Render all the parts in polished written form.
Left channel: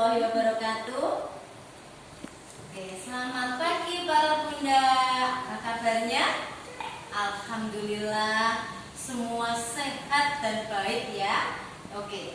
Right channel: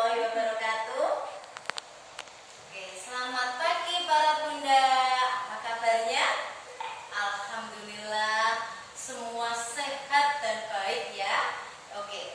warahmatullahi wabarakatuh. Oke, selamat pagi para bunda. Apa kabarnya? Alhamdulillah semua sehat dan baik ya. Oke.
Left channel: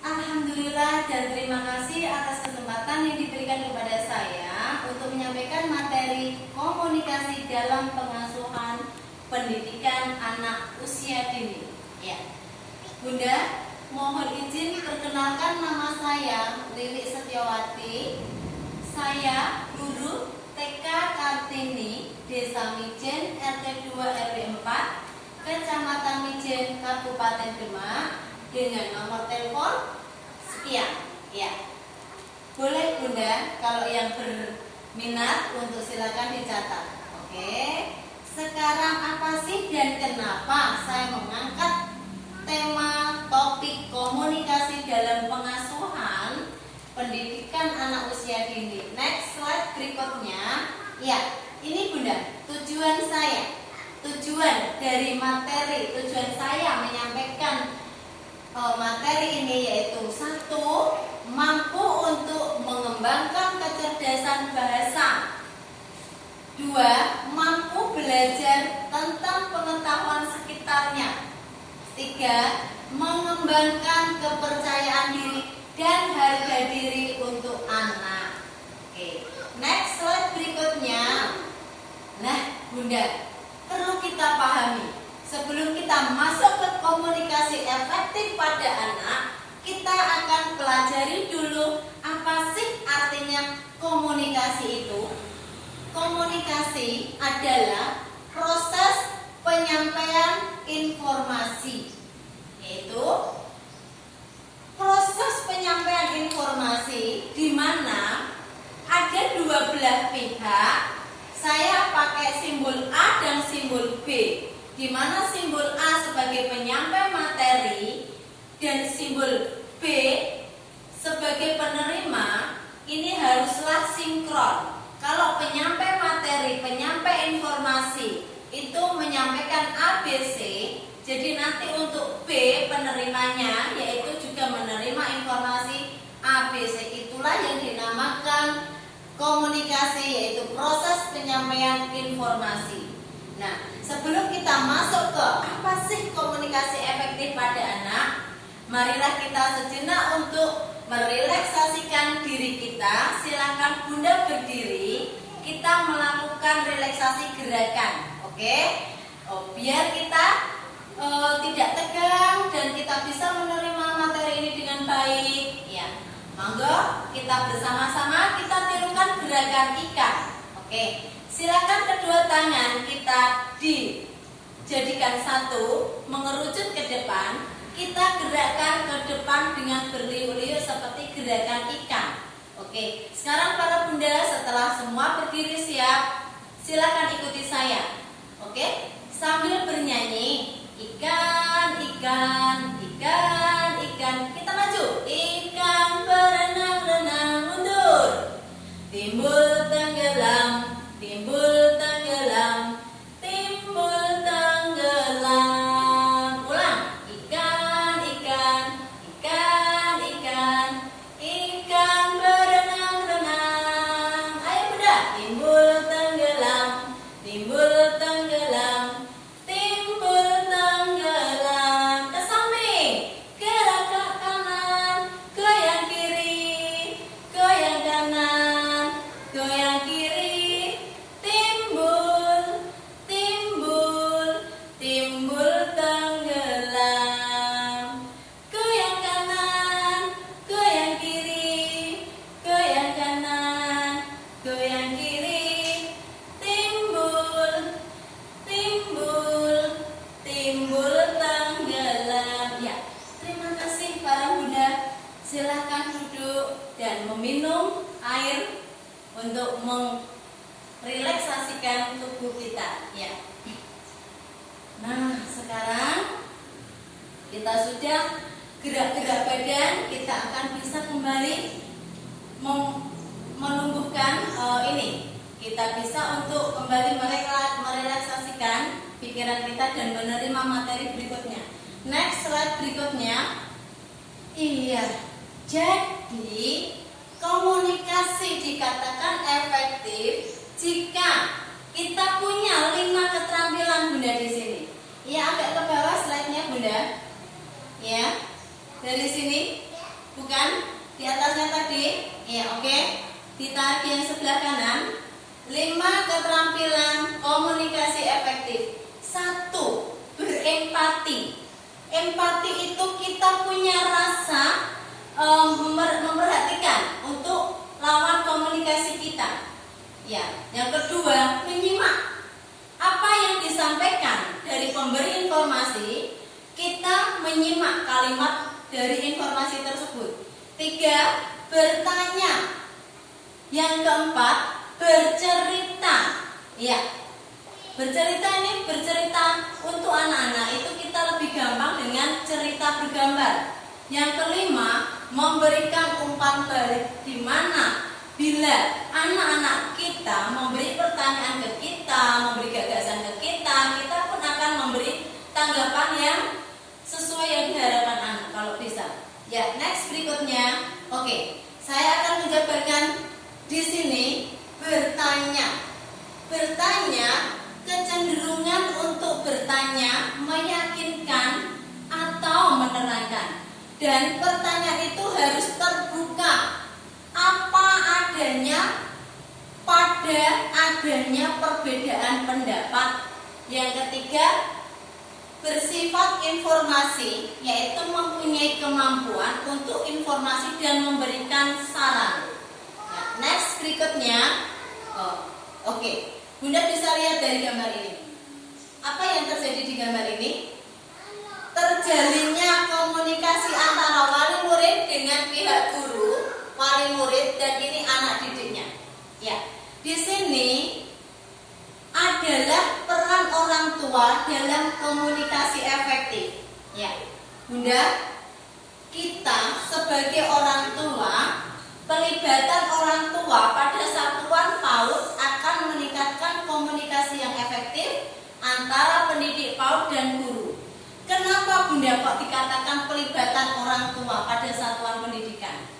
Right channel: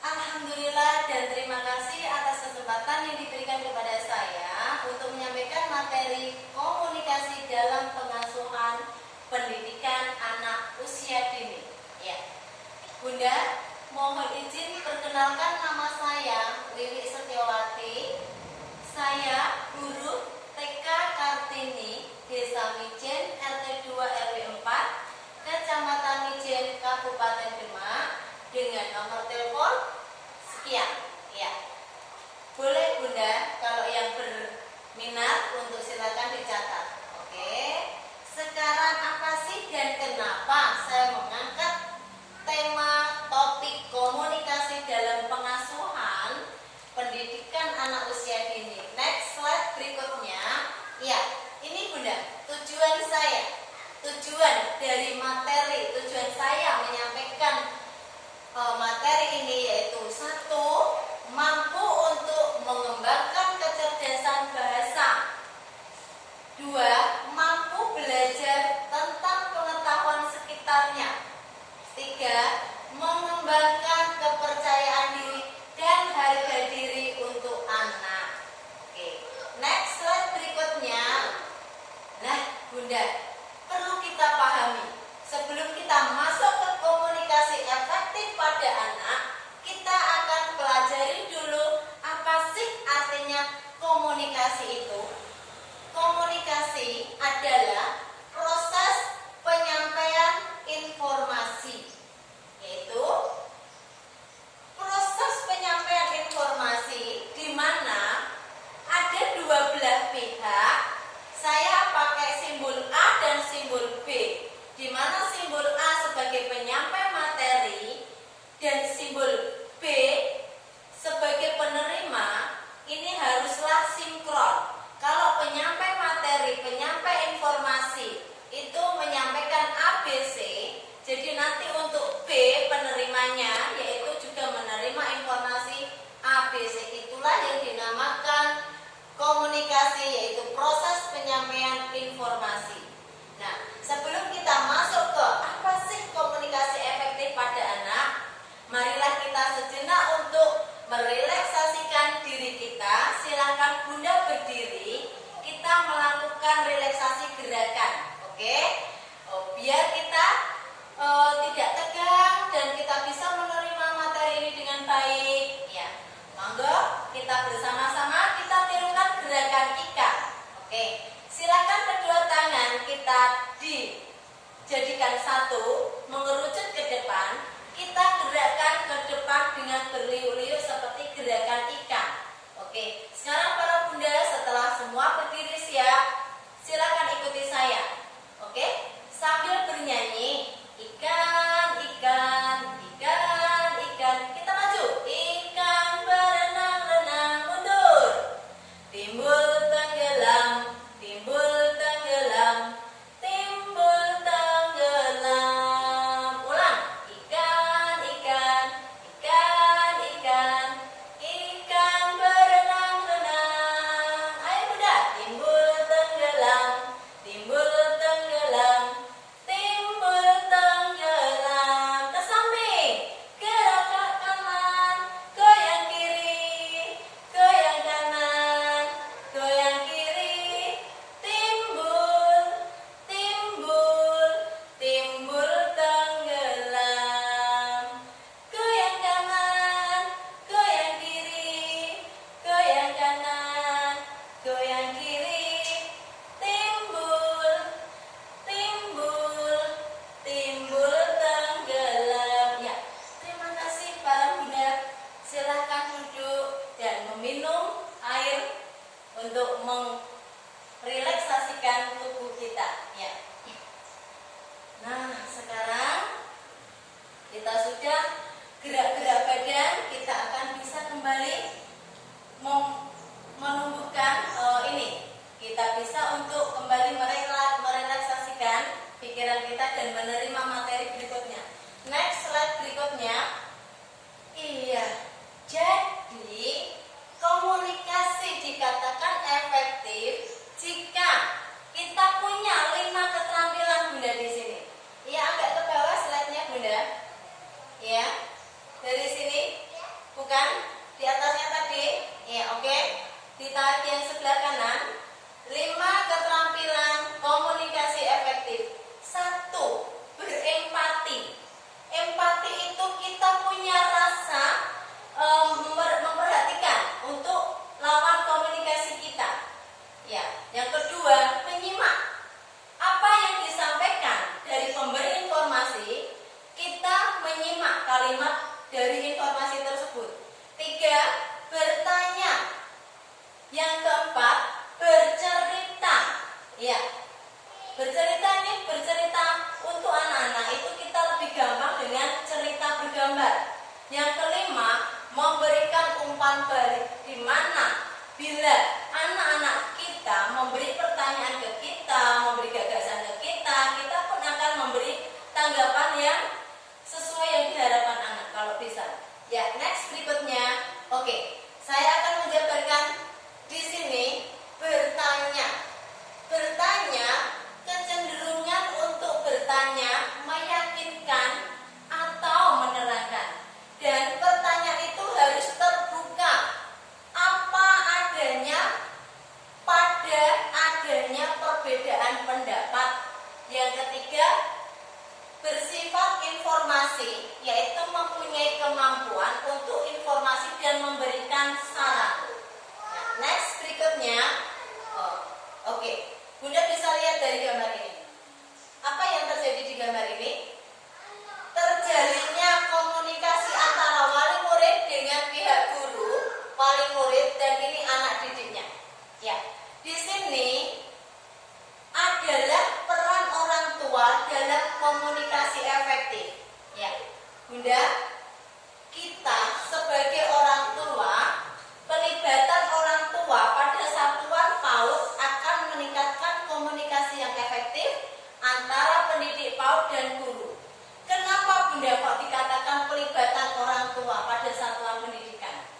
Alhamdulillah dan terima kasih atas kesempatan yang diberikan kepada saya untuk menyampaikan materi komunikasi dalam pengasuhan pendidikan anak usia dini. Ya. Bunda, mohon izin perkenalkan nama saya Lilik Setiawati. Saya guru TK Kartini, Desa Mijen, RT 2 RW 4, Kecamatan Mijen, Kabupaten Demak, dengan nomor telepon sekian. Ya. Boleh Bunda, kalau yang berminat untuk silakan dicatat. Oke. Sekarang apa sih dan kenapa saya mengangkat tema topik komunikasi dalam pengasuhan pendidikan anak usia dini? Next slide berikutnya. Ya, ini Bunda, tujuan dari materi, tujuan saya menyampaikan materi ini yaitu: 1. Mampu untuk mengembangkan kecerdasan bahasa. 2. Mampu belajar tentang pengetahuan sekitarnya. 3. Mengembangkan kepercayaan diri dan harga diri untuk anak. Oke, next slide berikutnya. Nah, Bunda, perlu kita pahami, sebelum kita masuk ke komunikasi efektif pada anak, kita akan pelajari dulu apa sih artinya komunikasi itu. Komunikasi adalah proses penyampaian informasi, yaitu proses penyampaian informasi di mana ada dua belah pihak. Saya pakai simbol A dan simbol B, di mana simbol A sebagai penyampai materi dan simbol B sebagai penerima. Ini haruslah sinkron. Kalau penyampai materi, penyampai informasi itu menyampaikan ABC, jadi nanti untuk B penerimanya yaitu juga menerima informasi ABC. Itulah yang dinamakan komunikasi, yaitu proses penyampaian informasi. Nah, sebelum kita masuk ke apa sih komunikasi efektif pada anak, marilah kita sejenak untuk merelaksasikan diri kita. Silakan Bunda berdiri, kita melakukan relaksasi gerakan. Oke? Biar kita tidak tegang dan kita bisa menerima materi ini dengan baik. Ya, monggo kita bersama-sama kita tirukan gerakan ikan. Oke, silakan kedua tangan kita dijadikan satu, mengerucut ke depan. Kita gerakkan ke depan dengan berliuk-liuk seperti gerakan ikan. Oke, sekarang para bunda setelah semua berdiri siap, silakan ikuti saya. Oke, sambil bernyanyi, ikan, ikan, ikan, ikan. Kita maju. Ikan berenang-renang mundur. Timbul tenggelam, timbul tenggelam, timbul tenggelam. Ulang. Ikan, ikan, ikan, ikan, ikan berenang-renang. Ayo Bunda. Timbul tenggelam, timbul tenggelam, timbul tenggelam. Ke samping, gerak ke kanan, goyang kiri, goyang kanan, goyang kiri. Timbul, timbul, timbul tenggelam. Goyang kanan, goyang kiri, goyang kanan, goyang kiri. Timbul, timbul, timbul tenggelam. Ya, terima kasih para bunda. Silahkan duduk dan meminum air untuk merelaksasikan tubuh kita. Ya. Nah, sekarang kita sudah gerak-gerak badan, kita akan bisa kembali menumbuhkan ini. Kita bisa untuk kembali merelaksasikan pikiran kita dan menerima materi berikutnya. Next slide berikutnya. Iya, Jadi komunikasi dikatakan efektif jika kita punya 5 keterampilan Bunda di sini. Ya, agak ke bawah slide-nya Bunda. Ya, dari sini, bukan di atasnya tadi. Ya, oke. Ditarik yang sebelah kanan. 5 keterampilan komunikasi efektif. 1. Berempati. Empati itu kita punya rasa memperhatikan untuk lawan komunikasi kita. Ya, yang kedua, menyimak apa yang disampaikan dari pemberi informasi. Kita menyimak kalimat dari informasi tersebut. 3, bertanya. Yang keempat, bercerita. Ya, bercerita ini bercerita untuk anak-anak itu kita lebih gampang dengan cerita bergambar. Yang kelima, memberikan umpan balik, di mana bila anak-anak kita memberi pertanyaan ke kita, memberi gagasan ke kita, kita pun akan memberi tanggapan yang sesuai yang diharapkan anak kalau bisa. Ya, next berikutnya. Oke, saya akan menjabarkan di sini bertanya. Bertanya, kecenderungan untuk bertanya meyakinkan atau menerangkan. Dan pertanyaan itu harus terbuka. Apa adanya pada adanya perbedaan pendapat. Yang ketiga, bersifat informasi, yaitu mempunyai kemampuan untuk informasi dan memberikan saran. Nah, next berikutnya. Oke. Bunda bisa lihat dari gambar ini. Apa yang terjadi di gambar ini? Terjalinnya komunikasi antara wali murid dengan pihak guru, wali murid, dan ini anak didiknya. Ya, di sini adalah peran orang tua dalam komunikasi efektif. Ya, Bunda, kita sebagai orang tua, pelibatan orang tua pada satuan PAUD akan meningkatkan komunikasi yang efektif antara pendidik PAUD dan guru. Kenapa Bunda kok dikatakan pelibatan orang tua pada satuan pendidikan?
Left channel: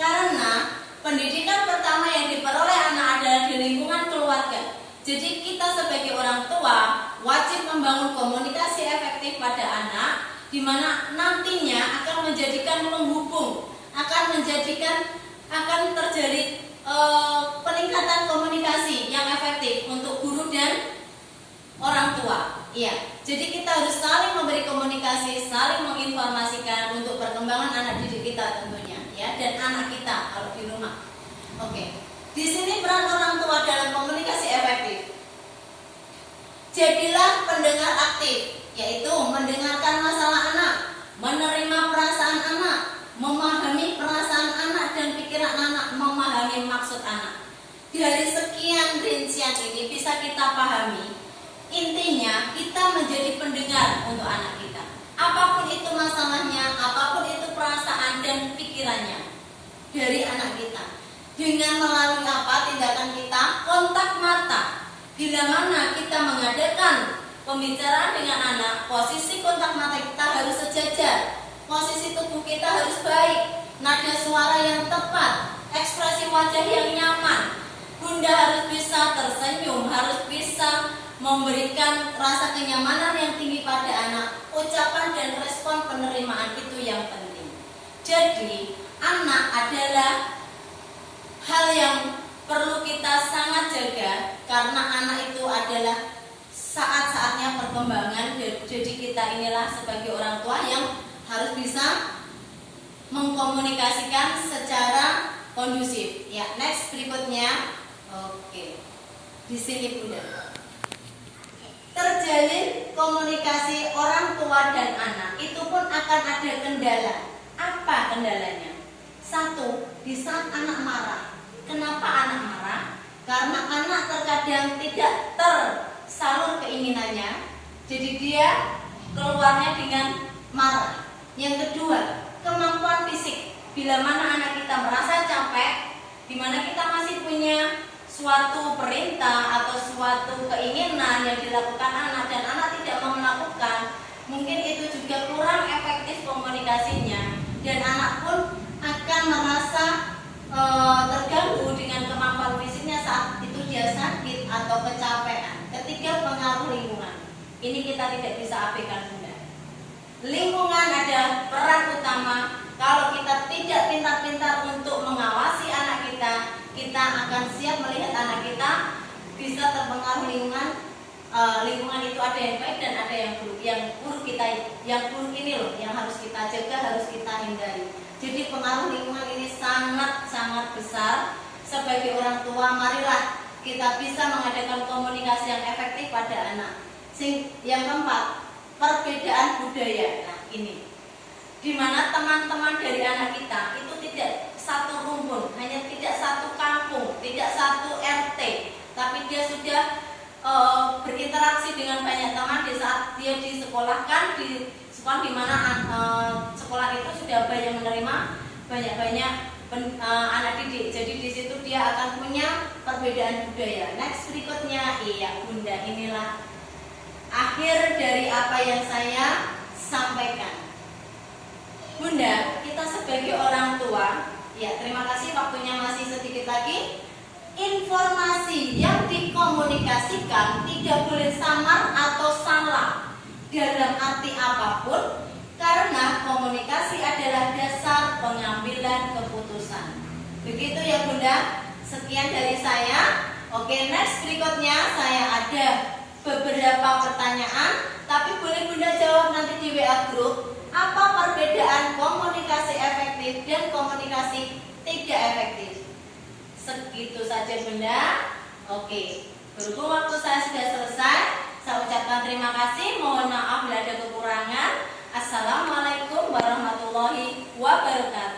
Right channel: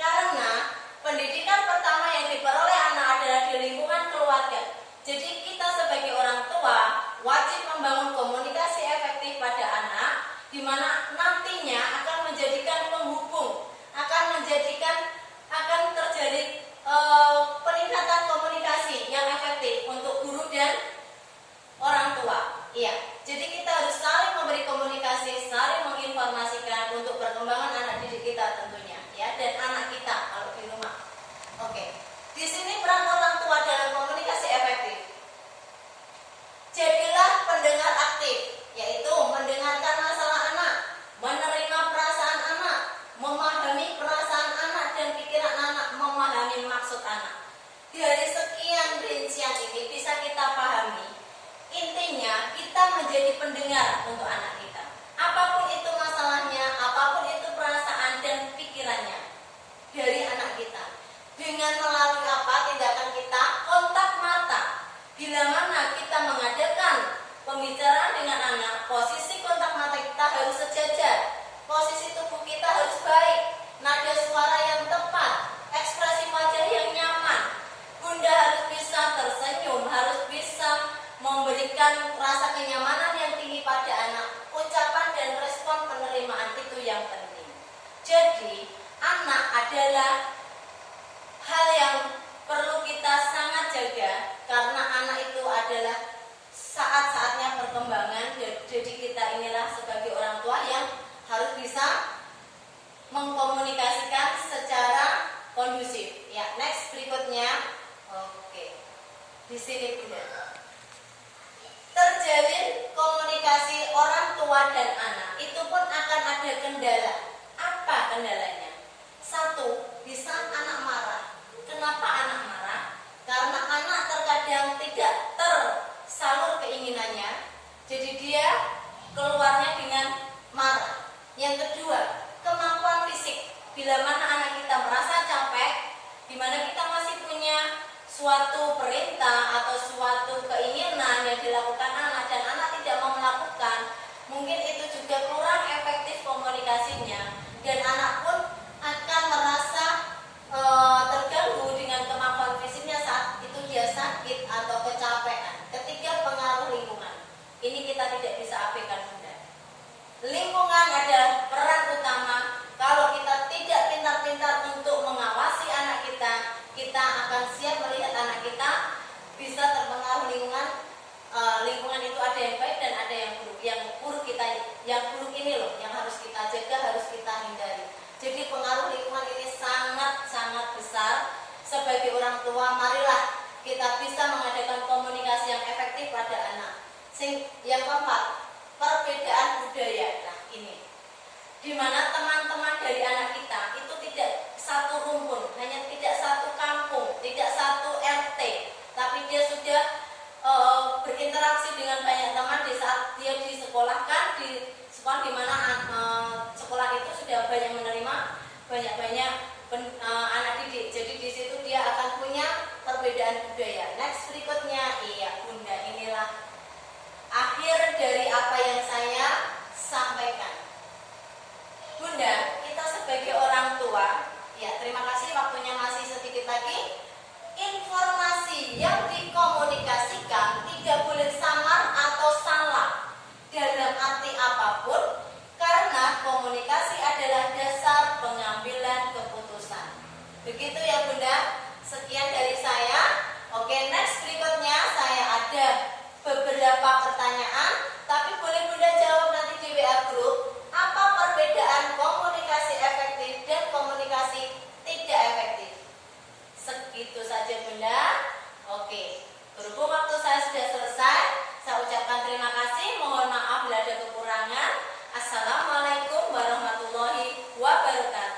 Karena pendidikan pertama yang diperoleh anak adalah di lingkungan keluarga. Jadi kita sebagai orang tua wajib membangun komunikasi efektif pada anak, di mana nantinya akan menjadikan penghubung, akan terjadi peningkatan komunikasi yang efektif untuk guru dan orang tua. Iya, jadi kita harus saling memberi komunikasi, saling menginformasikan untuk perkembangan anak didik kita tentunya, ya, dan anak kita kalau di rumah. Oke, di sini peran orang tua dalam komunikasi efektif. Jadilah pendengar aktif, yaitu mendengarkan masalah anak, menerima perasaan anak, memahami perasaan anak dan pikiran anak, memahami maksud anak. Dari sekian rincian ini bisa kita pahami. Intinya kita menjadi pendengar untuk anak kita. Apapun itu masalahnya, apapun itu perasaan dan pikirannya dari anak kita. Dengan melalui apa tindakan kita? Kontak mata. Bila mana kita mengadakan pembicaraan dengan anak, posisi kontak mata kita harus sejajar. Posisi tubuh kita harus baik. Nada suara yang tepat, ekspresi wajah yang nyaman. Bunda harus bisa tersenyum, harus bisa memberikan rasa kenyamanan yang tinggi pada anak. Ucapan dan respon penerimaan itu yang penting. Jadi anak adalah hal yang perlu kita sangat jaga, karena anak itu adalah saat-saatnya perkembangan. Jadi kita inilah sebagai orang tua yang harus bisa mengkomunikasikan secara kondusif. Ya, next berikutnya. Oke. Di sini Bunda. Terjalin komunikasi orang tua dan anak itu pun akan ada kendala. Apa kendalanya? 1, di saat anak marah. Kenapa anak marah? Karena anak terkadang tidak tersalur keinginannya, jadi dia keluarnya dengan marah. Yang kedua, kemampuan fisik. Bila mana anak kita merasa capek, di mana kita masih punya suatu perintah atau suatu keinginan yang dilakukan anak dan anak tidak mau melakukan, mungkin itu juga kurang efektif komunikasinya, dan anak pun akan Ini kita tidak bisa abaikan, Bunda. Lingkungan adalah peran utama. Kalau kita tidak pintar-pintar untuk mengawasi anak kita, kita akan siap melihat anak kita bisa terpengaruh lingkungan. Lingkungan itu ada yang baik dan ada yang buruk. Yang buruk ini loh yang harus kita jaga, harus kita hindari. Jadi pengaruh lingkungan ini sangat besar. Sebagai orang tua, marilah kita bisa mengadakan komunikasi yang efektif pada anak. Yang keempat, perbedaan budaya. Nah, ini di mana teman-teman dari anak kita itu tidak satu rumpun, hanya tidak satu kampung, tidak satu RT, tapi dia sudah berinteraksi dengan banyak teman di saat dia disekolahkan di sekolah di mana sekolah itu sudah banyak menerima banyak anak didik. Jadi di situ dia akan punya perbedaan budaya. Next berikutnya, iya Bunda, inilah akhir dari apa yang saya sampaikan. Bunda, kita sebagai orang tua, ya terima kasih, waktunya masih sedikit lagi. Informasi yang dikomunikasikan tidak boleh samar atau salah dalam arti apapun, karena komunikasi adalah dasar pengambilan keputusan. Begitu ya Bunda, sekian dari saya. Oke, next berikutnya saya ada beberapa pertanyaan, tapi boleh Bunda jawab nanti di WA group. Apa perbedaan komunikasi efektif dan komunikasi tidak efektif? Segitu saja Bunda. Oke, berhubung waktu saya sudah selesai, saya ucapkan terima kasih. Mohon maaf bila ada kekurangan. Assalamualaikum warahmatullahi wabarakatuh.